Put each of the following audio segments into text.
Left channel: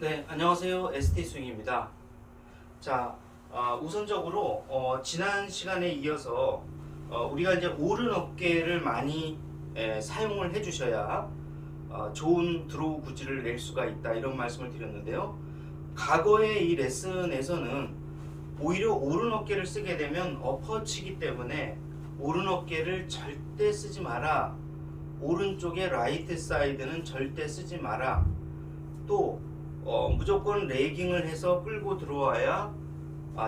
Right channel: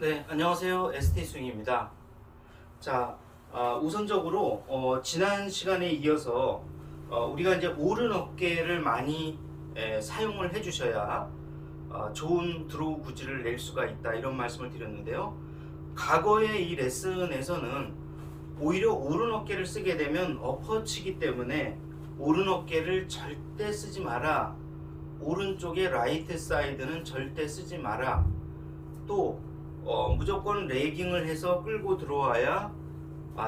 네, 안녕하세요. ST 스윙입니다. 자, 우선적으로 지난 시간에 이어서 우리가 이제 오른 어깨를 많이 사용을 해주셔야 좋은 드로우 구질을 낼 수가 있다 이런 말씀을 드렸는데요. 과거의 이 레슨에서는 오히려 오른 어깨를 쓰게 되면 엎어치기 때문에 오른 어깨를 절대 쓰지 마라. 오른쪽의 라이트 사이드는 절대 쓰지 마라. 또 무조건 레깅을 해서 끌고 들어와야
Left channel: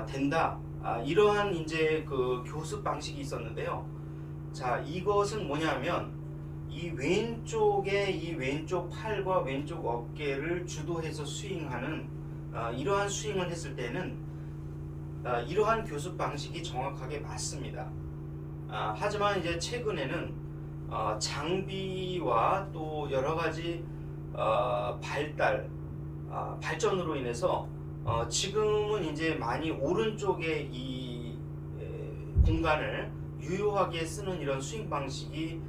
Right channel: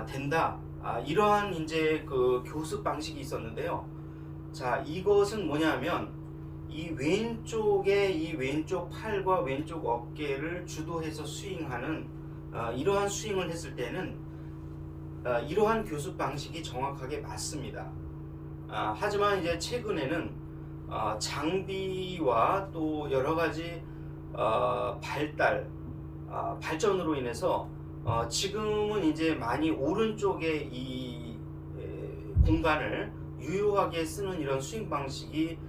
된다. 이러한 이제 그 교습 방식이 있었는데요. 자, 이것은 뭐냐면 이 왼쪽 팔과 왼쪽 어깨를 주도해서 스윙하는 이러한 스윙을 했을 때는 이러한 교습 방식이 정확하게 맞습니다. 하지만 이제 최근에는 장비와 또 여러 가지 발전으로 인해서 지금은 이제 많이 오른쪽에 이 공간을 유효하게 쓰는 이런 스윙 방식이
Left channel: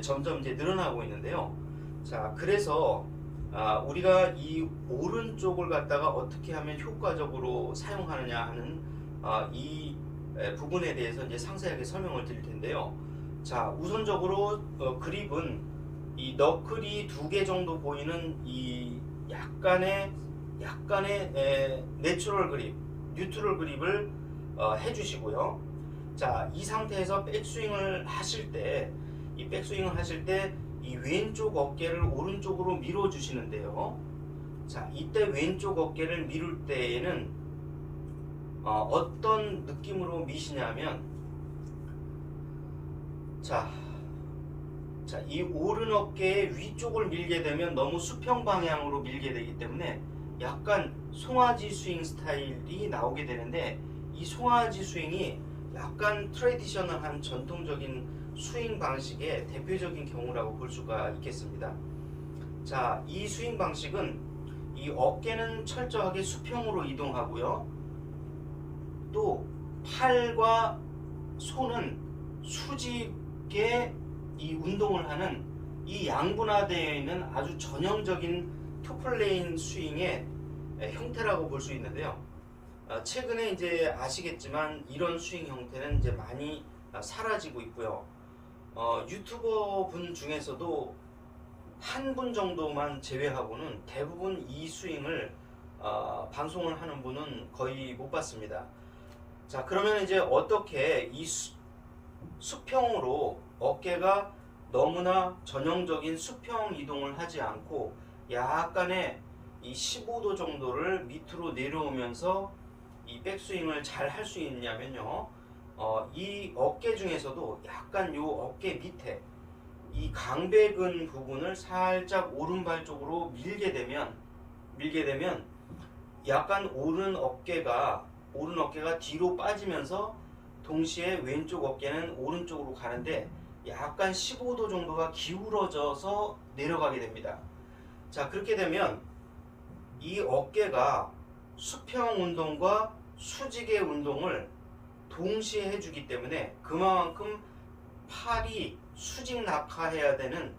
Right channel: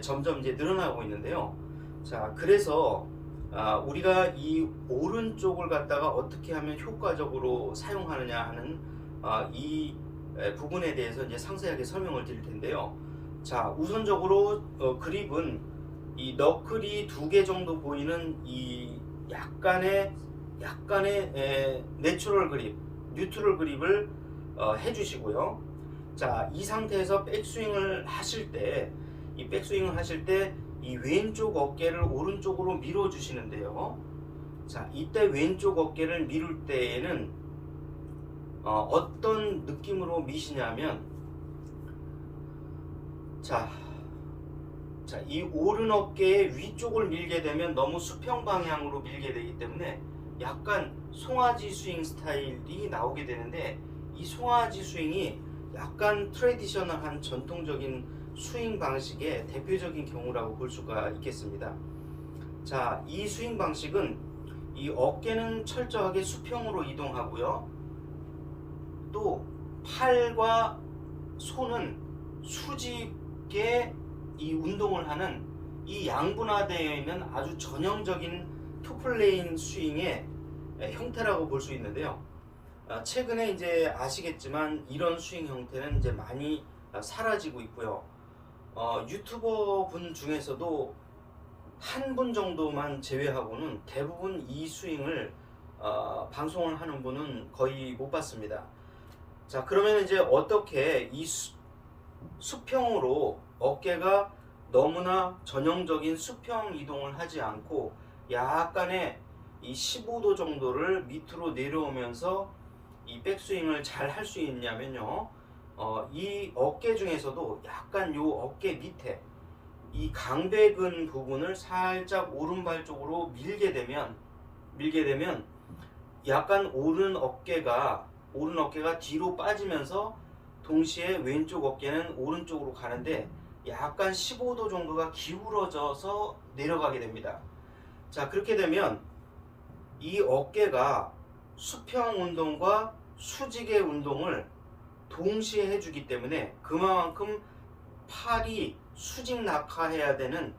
점점 이제 늘어나고 있는데요. 자, 그래서 우리가 이 오른쪽을 갖다가 어떻게 하면 효과적으로 사용하느냐 하는 이 부분에 대해서 이제 상세하게 설명을 드릴 텐데요. 자, 우선적으로 그립은 이 너클이 2개 정도 보이는 이 약간의 내추럴 그립, 뉴트럴 그립을 해주시고요. 자, 이 상태에서 백스윙을 하실 때, 이 왼쪽 어깨를 오른쪽으로 밀어 주시는데요. 자, 이때 왼쪽 어깨를 미룰 때에는 어떤 느낌으로 미시냐면, 자, 이 오른 어깨의 위쪽을 밀게 되면 너무 수평 방향으로 밀게 되기 때문에 약간 송아지 스윙 스타일이 나오게 되는데, 이 송아지 스윙이 약간 트레디셔널한 전통적인 스윙 방식의 대표적인 경우라고 볼 수가 있겠습니다. 자, 이 스윙 방식은 이 어깨는 철저하게 수평으로 이동하고요. 또 팔과 손은 수직에 이 운동을 하는 이 양분화되어 있는 아주 전형적인 투플레인 스윙의 형태라고 볼 수 있는데요. 최근에 이제 아시겠지만 이런 스윙 형태는 이제 많이 사라지고 있고요. 유튜버 분 중에서도 한 분 정도만 제외하고는 대부분 이 스윙을 방송을 하는 분은 거의 못 봤습니다. 자, 그러면 이제 어떻게 이 수평으로 어깨가 너무나 전형적인 수평 이동을 하지 않고 약간의 이 15도 정도를 밑으로 내려오면서 이 백스윙을 잘 할 수 있냐면요. 이 어깨 중에서도 약간 요 어깨 밑에 이 강배근 부분을 살짝 오른발 쪽으로 밀게 되면 약간 오른 어깨가 뒤로 빠지면서 동시에 왼쪽 어깨는 오른쪽으로 가는데 약간 15도 정도가 기울어져서 내려가게 됩니다. 자, 그렇게 되면 이 어깨가 수평 운동과 수직의 운동을 동시에 해주기 때문에 그만큼 팔이 수직 낙하해야 되는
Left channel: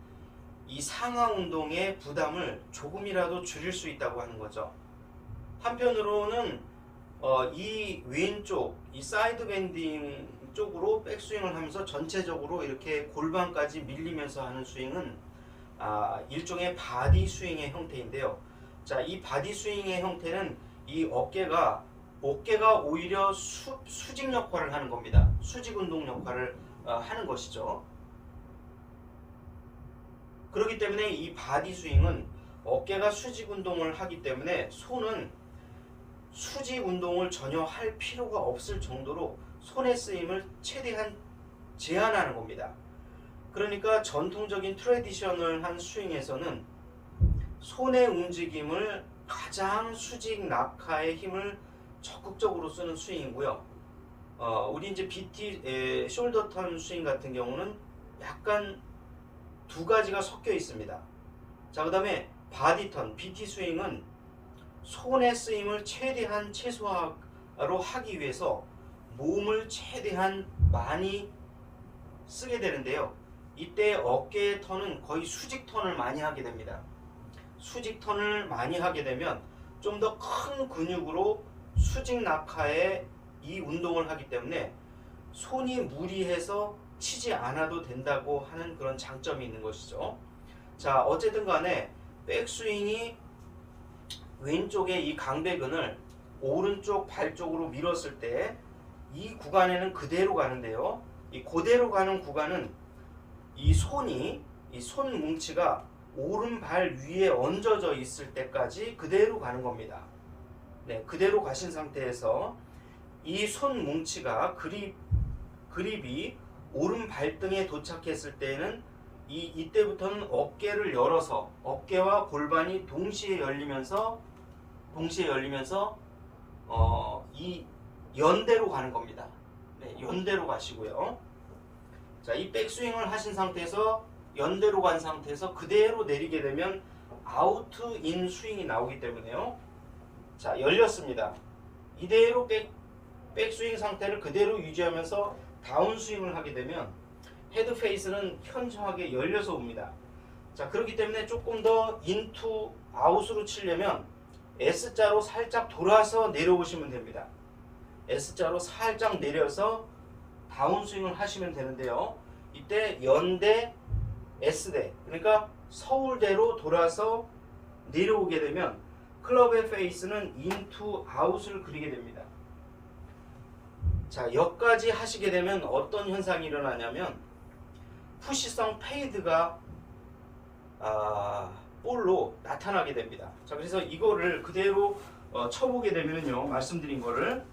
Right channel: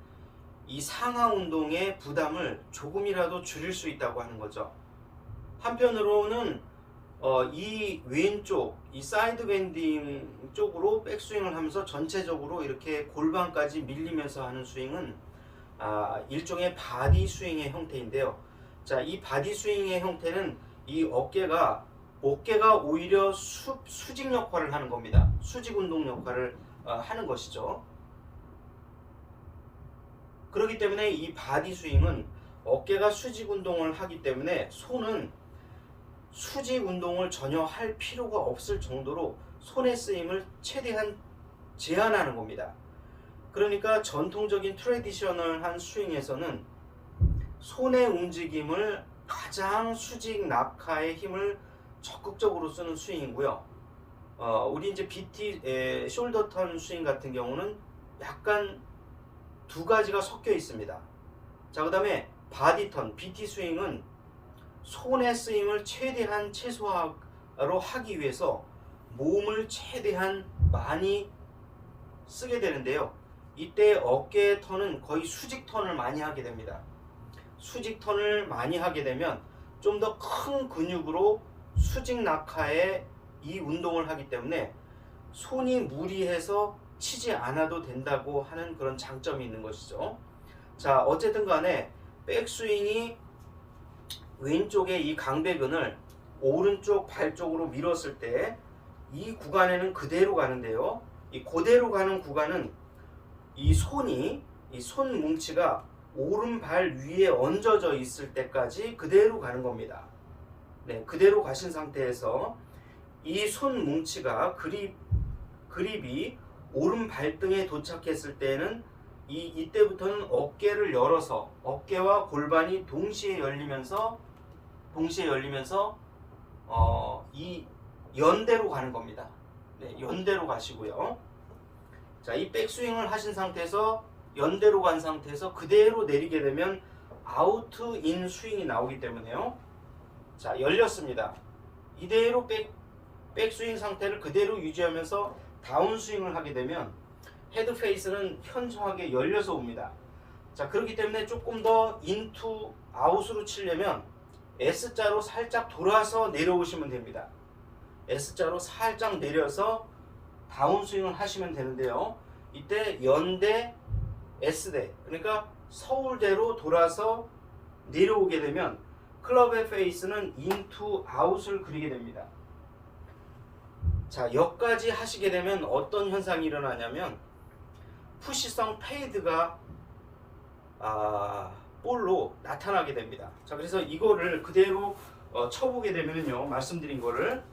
이 상하 운동의 부담을 조금이라도 줄일 수 있다고 하는 거죠. 한편으로는 이 왼쪽 이 사이드 밴딩 쪽으로 백스윙을 하면서 전체적으로 이렇게 골반까지 밀리면서 하는 스윙은 일종의 바디 스윙의 형태인데요. 자, 이 바디 스윙의 형태는 이 어깨가 오히려 수직 역할을 하는 겁니다. 수직 운동 역할을 하는 것이죠. 그렇기 때문에 이 바디 스윙은 어깨가 수직 운동을 하기 때문에 손은 수직 운동을 전혀 할 필요가 없을 정도로 손의 쓰임을 최대한 제한하는 겁니다. 그러니까 전통적인 트레디셔널한 스윙에서는 손의 움직임을 가장 수직 낙하의 힘을 적극적으로 쓰는 스윙이고요. 우리 이제 BT 숄더 턴 스윙 같은 경우는 약간 두 가지가 섞여 있습니다. 자, 그다음에 바디 턴 BT 스윙은 손의 쓰임을 최대한 최소화로 하기 위해서 몸을 최대한 많이 쓰게 되는데요. 이때 어깨 턴은 거의 수직 턴을 많이 하게 됩니다. 수직 턴을 많이 하게 되면 좀 더 큰 근육으로 수직 낙하에 이 운동을 하기 때문에 손이 무리해서 치지 않아도 된다고 하는 그런 장점이 있는 것이죠. 자, 어쨌든 간에 백스윙이 왼쪽의 이 강배근을 오른쪽 발 쪽으로 밀었을 때 이 구간에는 그대로 가는데요. 이 그대로 가는 구간은 이 손이, 이 손 뭉치가 오른발 위에 얹어져 있을 때까지 그대로 가는 겁니다. 네, 그대로 가신 상태에서 이 손 뭉치가 그립이 오른 발등에 도착했을 때는 이때부터는 어깨를 열어서 어깨와 골반이 동시에 열리면서 이 연대로 가는 겁니다. 네, 연대로 가시고요. 자, 이 백스윙을 하신 상태에서 연대로 간 상태에서 그대로 내리게 되면 아우트 인 스윙이 나오기 때문에요. 자, 열렸습니다. 이대로 백스윙 상태를 그대로 유지하면서 다운 스윙을 하게 되면 헤드 페이스는 현저하게 열려서 옵니다. 자, 그렇기 때문에 조금 더 인투 아웃으로 치려면 S자로 살짝 돌아서 내려오시면 됩니다. S자로 살짝 내려서 다운 스윙을 하시면 되는데요. 이때 연대, S대, 그러니까 서울대로 돌아서 내려오게 되면 클럽의 페이스는 인투 아웃을 그리게 됩니다. 자, 여기까지 하시게 되면 어떤 현상이 일어나냐면 푸시성 페이드가 볼로 나타나게 됩니다. 자, 그래서 이거를 그대로 쳐보게 되면요, 말씀드린 거를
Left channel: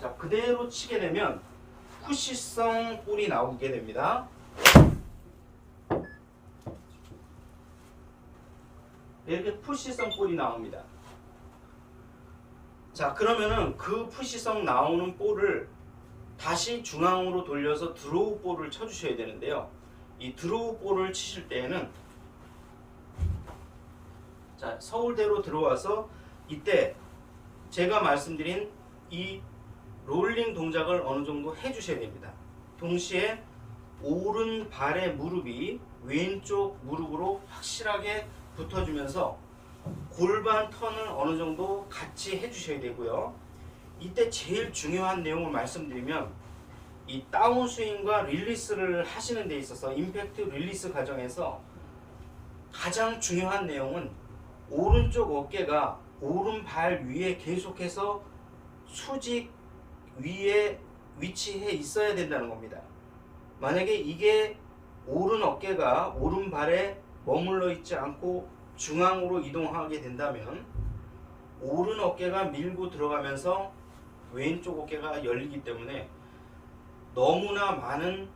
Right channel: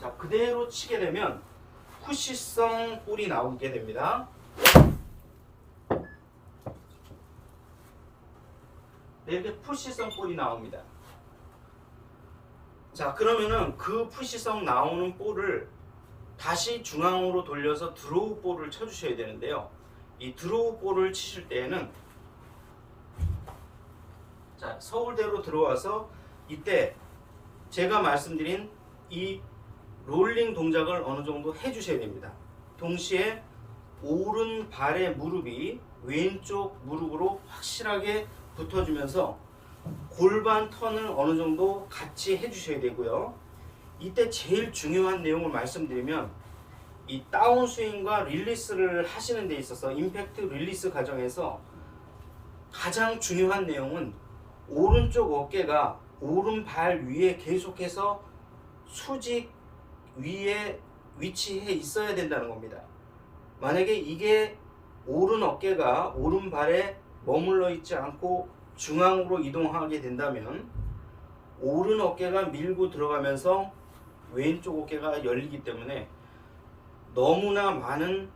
자, 그대로 치게 되면 푸시성 볼이 나오게 됩니다. 이렇게 푸시성 볼이 나옵니다. 자, 그러면은 그 푸시성 나오는 볼을 다시 중앙으로 돌려서 드로우 볼을 쳐주셔야 되는데요. 이 드로우 볼을 치실 때에는 자, 서울대로 들어와서 이때 제가 말씀드린 이 롤링 동작을 어느 정도 해주셔야 됩니다. 동시에 오른발의 무릎이 왼쪽 무릎으로 확실하게 붙어주면서 골반 턴을 어느 정도 같이 해주셔야 되고요. 이때 제일 중요한 내용을 말씀드리면 이 다운스윙과 릴리스를 하시는 데 있어서 임팩트 릴리스 과정에서 가장 중요한 내용은 오른쪽 어깨가 오른발 위에 계속해서 수직 위에 위치해 있어야 된다는 겁니다. 만약에 이게 오른 어깨가 오른발에 머물러 있지 않고 중앙으로 이동하게 된다면 오른 어깨가 밀고 들어가면서 왼쪽 어깨가 열리기 때문에 너무나 많은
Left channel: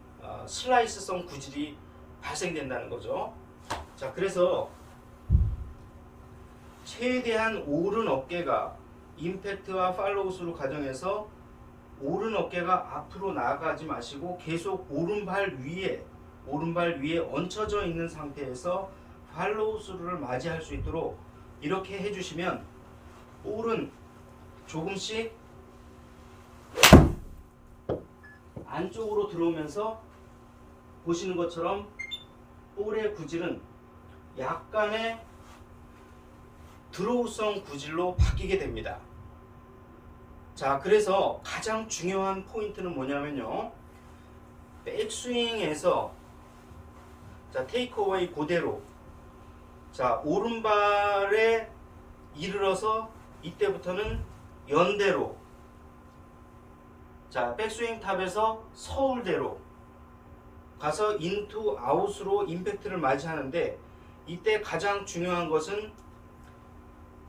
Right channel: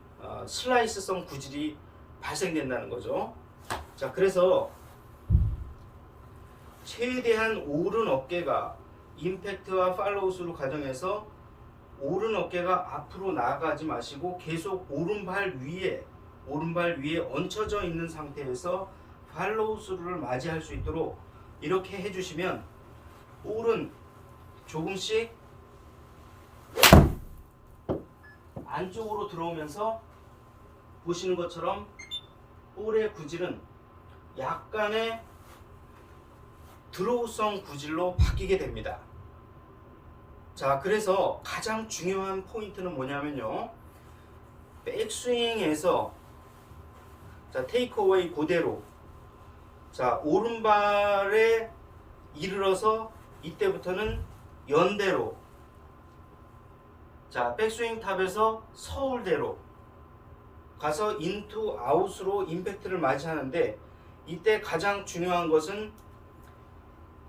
슬라이스성 구질이 발생된다는 거죠. 자, 그래서 최대한 오른 어깨가 임팩트와 팔로우스루 과정에서 오른 어깨가 앞으로 나가지 마시고 계속 오른발 위에 얹혀져 있는 상태에서 팔로우스루를 맞이할 수 있도록 이렇게 해주시면 볼은 조금씩 안쪽으로 들어오면서 보시는 것처럼 볼의 구질은 약간의 드로우성 구질로 바뀌게 됩니다. 자, 그래서 가장 중요한 포인트는 뭐냐면요, 백스윙에서 자, 테이크어웨이 그대로 자, 오른발에 이르러서 이때부터는 연대로 자, 백스윙 탑에서 서울대로 가서 인투 아웃으로 임팩트를 맞이하는데 이때 가장 중요한 것은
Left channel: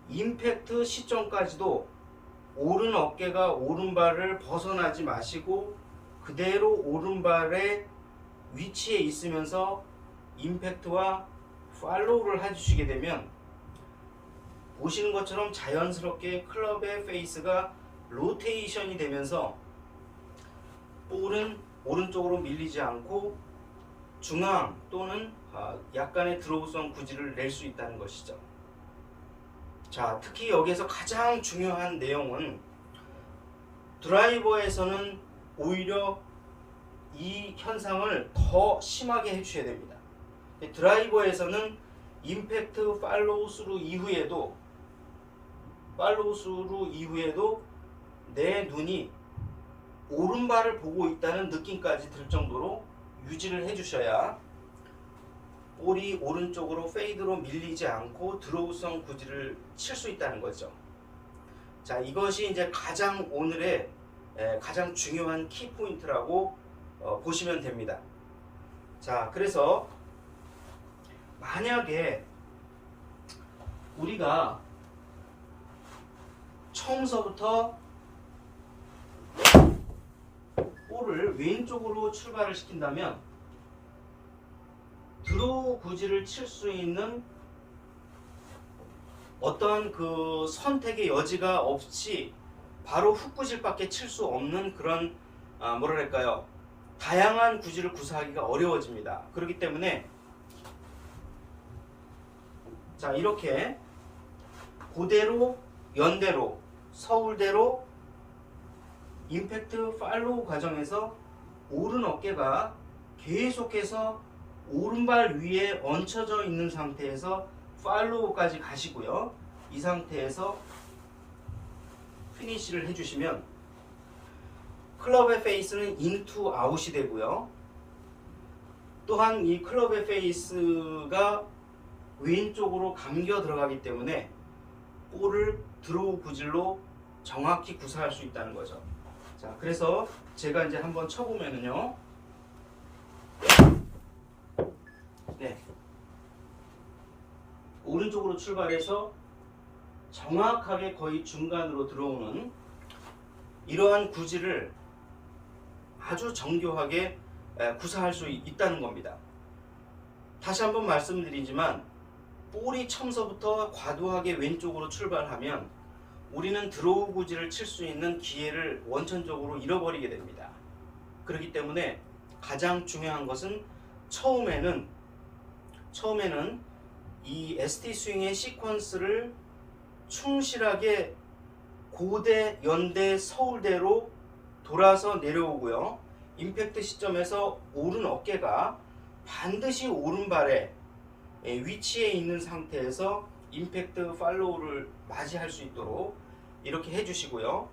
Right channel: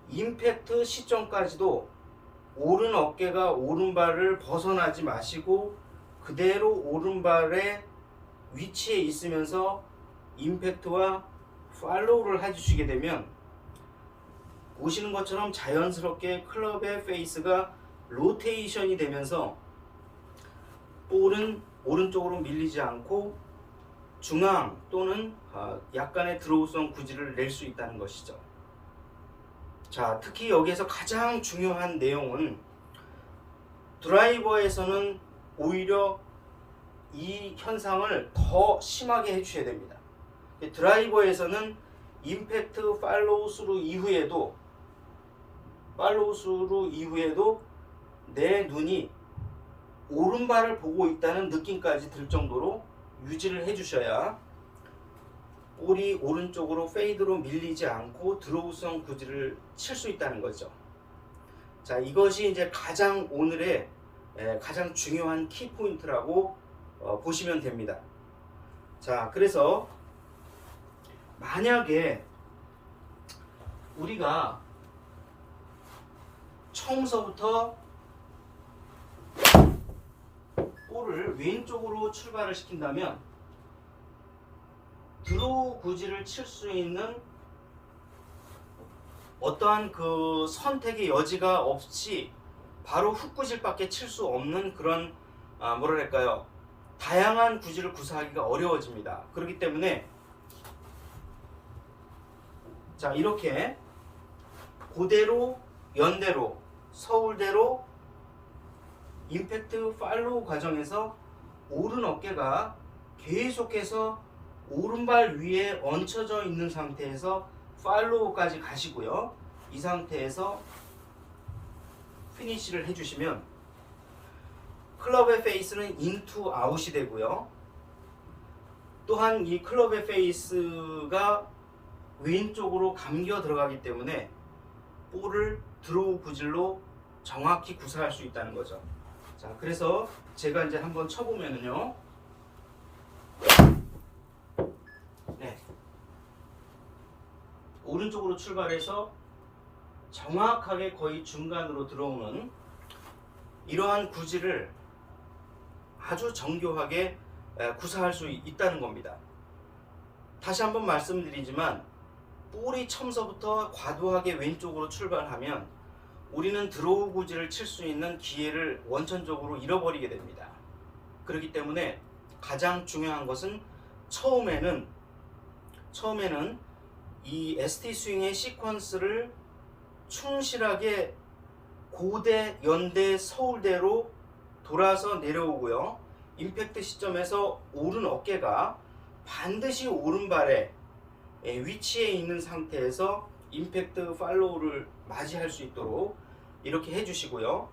임팩트 시점까지도 오른 어깨가 오른발을 벗어나지 마시고 그대로 오른발의 위치에 있으면서 임팩트와 팔로우를 해주시게 되면 보시는 것처럼 자연스럽게 클럽의 페이스가 로테이션이 되면서 볼은 오른쪽으로 밀리지 않고 중앙 또는 약간의 드로우성 구질을 낼 수 있다는 것이죠. 자, 특히 여기에서 가장 중요한 내용은 드라이버에서는 오히려 이 현상을 더 심하게 해주셔야 됩니다. 드라이버에서는 임팩트 팔로우 스루 이후에도 팔로우 스루 이후에도 내 눈이 오른발을 보고 있다는 느낌까지 들 정도로 유지를 해주셔야 볼이 오른쪽으로 페이드로 밀리지 않고 드로우성 구질을 칠 수 있다는 거죠. 자, 이것이 이제 가장 오늘의 가장 중요한 키포인트라고 보시면 됩니다. 자, 그래서 만약에 우리가 처음서부터 볼을 왼쪽으로 출발을 시킨다면 드로우 구질을 칠 수 있는 어떠한 그 선택의 여지가 없이 바로 훅 구질밖에 칠 수 없는 그런 뭐랄까요, 다양한 구질을 구사하기가 어려워집니다. 그렇기 때문에 자, 이렇게 고대로, 연대로, 서울대로 임팩트 팔로우 과정에서 오른 어깨가 계속해서 오른발 위에 얹혀져 있는 상태에서 팔로우까지 가시고요. 이 상태에서 피니시를 해주시면 클럽의 페이스는 인투 아웃이 되고요. 또한 이 클럽의 페이스가 왼쪽으로 감겨 들어가기 때문에 볼을 드로우 구질로 정확히 구사할 수 있다는 거죠. 자, 그래서 제가 이제 한번 쳐보면은요. 네. 오른쪽으로 출발해서 정확하게 거의 중간으로 들어오는 이러한 구질을 아주 정교하게 구사할 수 있다는 겁니다. 다시 한번 말씀드리지만 볼이 처음서부터 과도하게 왼쪽으로 출발하면 우리는 드로우 구질을 칠 수 있는 기회를 원천적으로 잃어버리게 됩니다. 그렇기 때문에 가장 중요한 것은 처음에는 이 ST 스윙의 시퀀스를 충실하게 고대, 연대, 서울대로 돌아서 내려오고요. 임팩트 시점에서 오른 어깨가 반드시 오른발에 위치해 있는 상태에서 임팩트 팔로우를 맞이할 수 있도록 이렇게 해주시고요.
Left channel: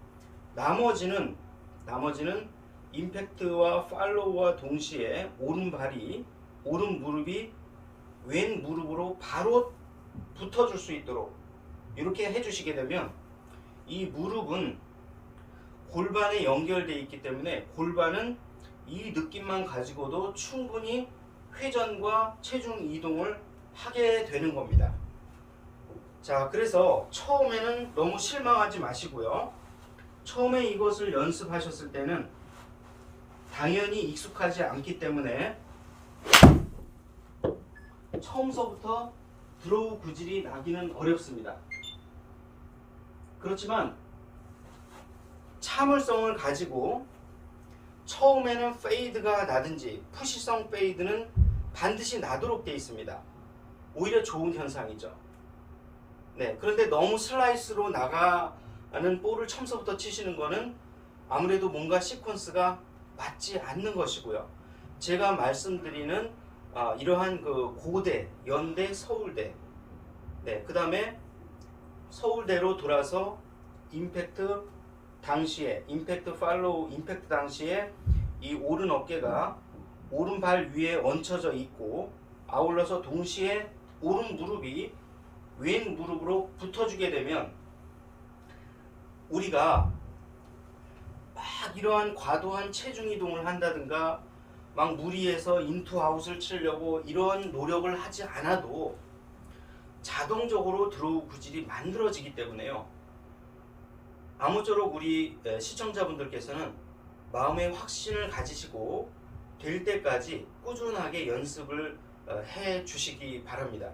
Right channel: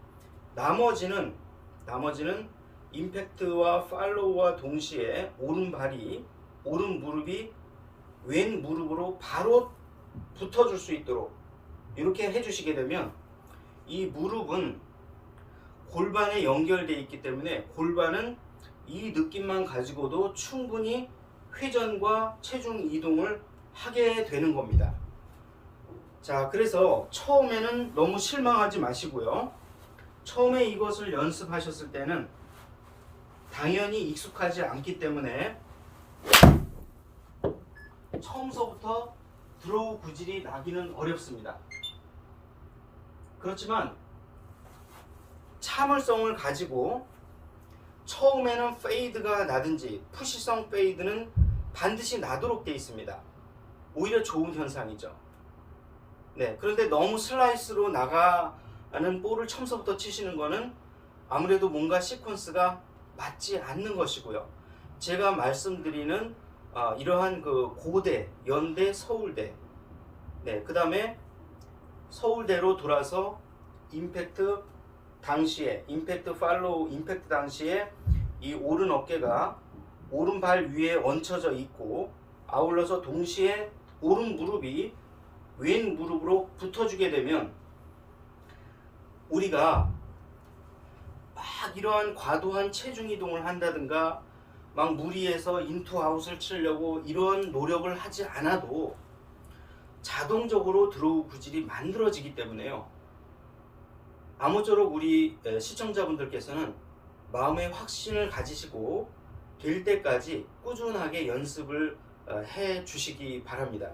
나머지는 임팩트와 팔로우와 동시에 오른 무릎이 왼 무릎으로 바로 붙어줄 수 있도록 이렇게 해주시게 되면 이 무릎은 골반에 연결되어 있기 때문에 골반은 이 느낌만 가지고도 충분히 회전과 체중 이동을 하게 되는 겁니다. 자, 그래서 처음에는 너무 실망하지 마시고요. 처음에 이것을 연습하셨을 때는 당연히 익숙하지 않기 때문에 처음서부터 드로우 구질이 나기는 어렵습니다. 그렇지만 참을성을 가지고 처음에는 페이드가 나든지 푸시성 페이드는 반드시 나도록 되어 있습니다. 오히려 좋은 현상이죠. 네, 그런데 너무 슬라이스로 나가는 볼을 처음서부터 치시는 거는 아무래도 뭔가 시퀀스가 맞지 않는 것이고요. 제가 말씀드리는 이러한 그 고대, 연대, 서울대, 네, 그 다음에 서울대로 돌아서 임팩트 당시에 임팩트 팔로우 임팩트 당시에 이 오른 어깨가 오른발 위에 얹혀져 있고 아울러서 동시에 오른 무릎이 왼 무릎으로 붙어주게 되면 우리가 막 이러한 과도한 체중 이동을 한다든가 막 무리해서 인투 아웃을 치려고 이런 노력을 하지 않아도 자동적으로 드로우 구질이 만들어지기 때문에요. 아무쪼록 우리 시청자분들께서는 마음의 확신을 가지시고 될 때까지 꾸준하게 연습을 해 주시기 바랍니다.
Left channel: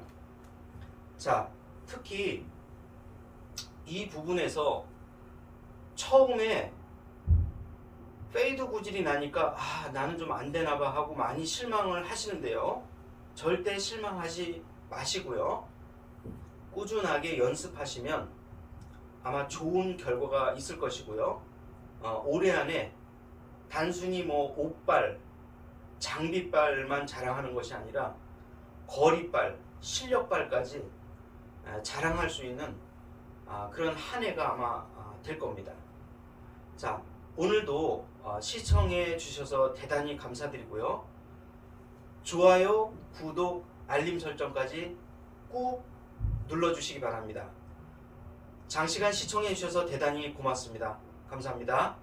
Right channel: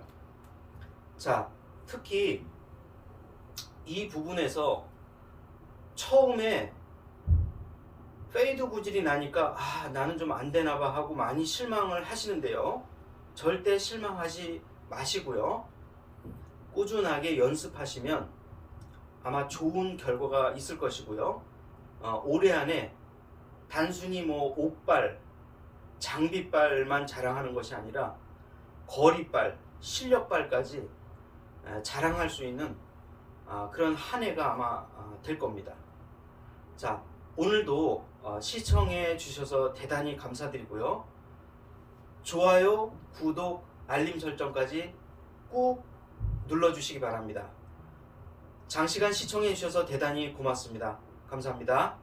자, 특히 이 부분에서 처음에 페이드 구질이 나니까 나는 좀 안 되나 봐 하고 많이 실망을 하시는데요. 절대 실망하지 마시고요. 꾸준하게 연습하시면 아마 좋은 결과가 있을 것이고요. 올해 안에 단순히 뭐 옷발, 장비발만 자랑하는 것이 아니라 거리발, 실력발까지 자랑할 수 있는 그런 한 해가 아마 될 겁니다. 자, 오늘도 시청해 주셔서 대단히 감사드리고요. 좋아요, 구독, 알림 설정까지 꾹 눌러주시기 바랍니다. 장시간 시청해 주셔서 대단히 고맙습니다. 감사합니다.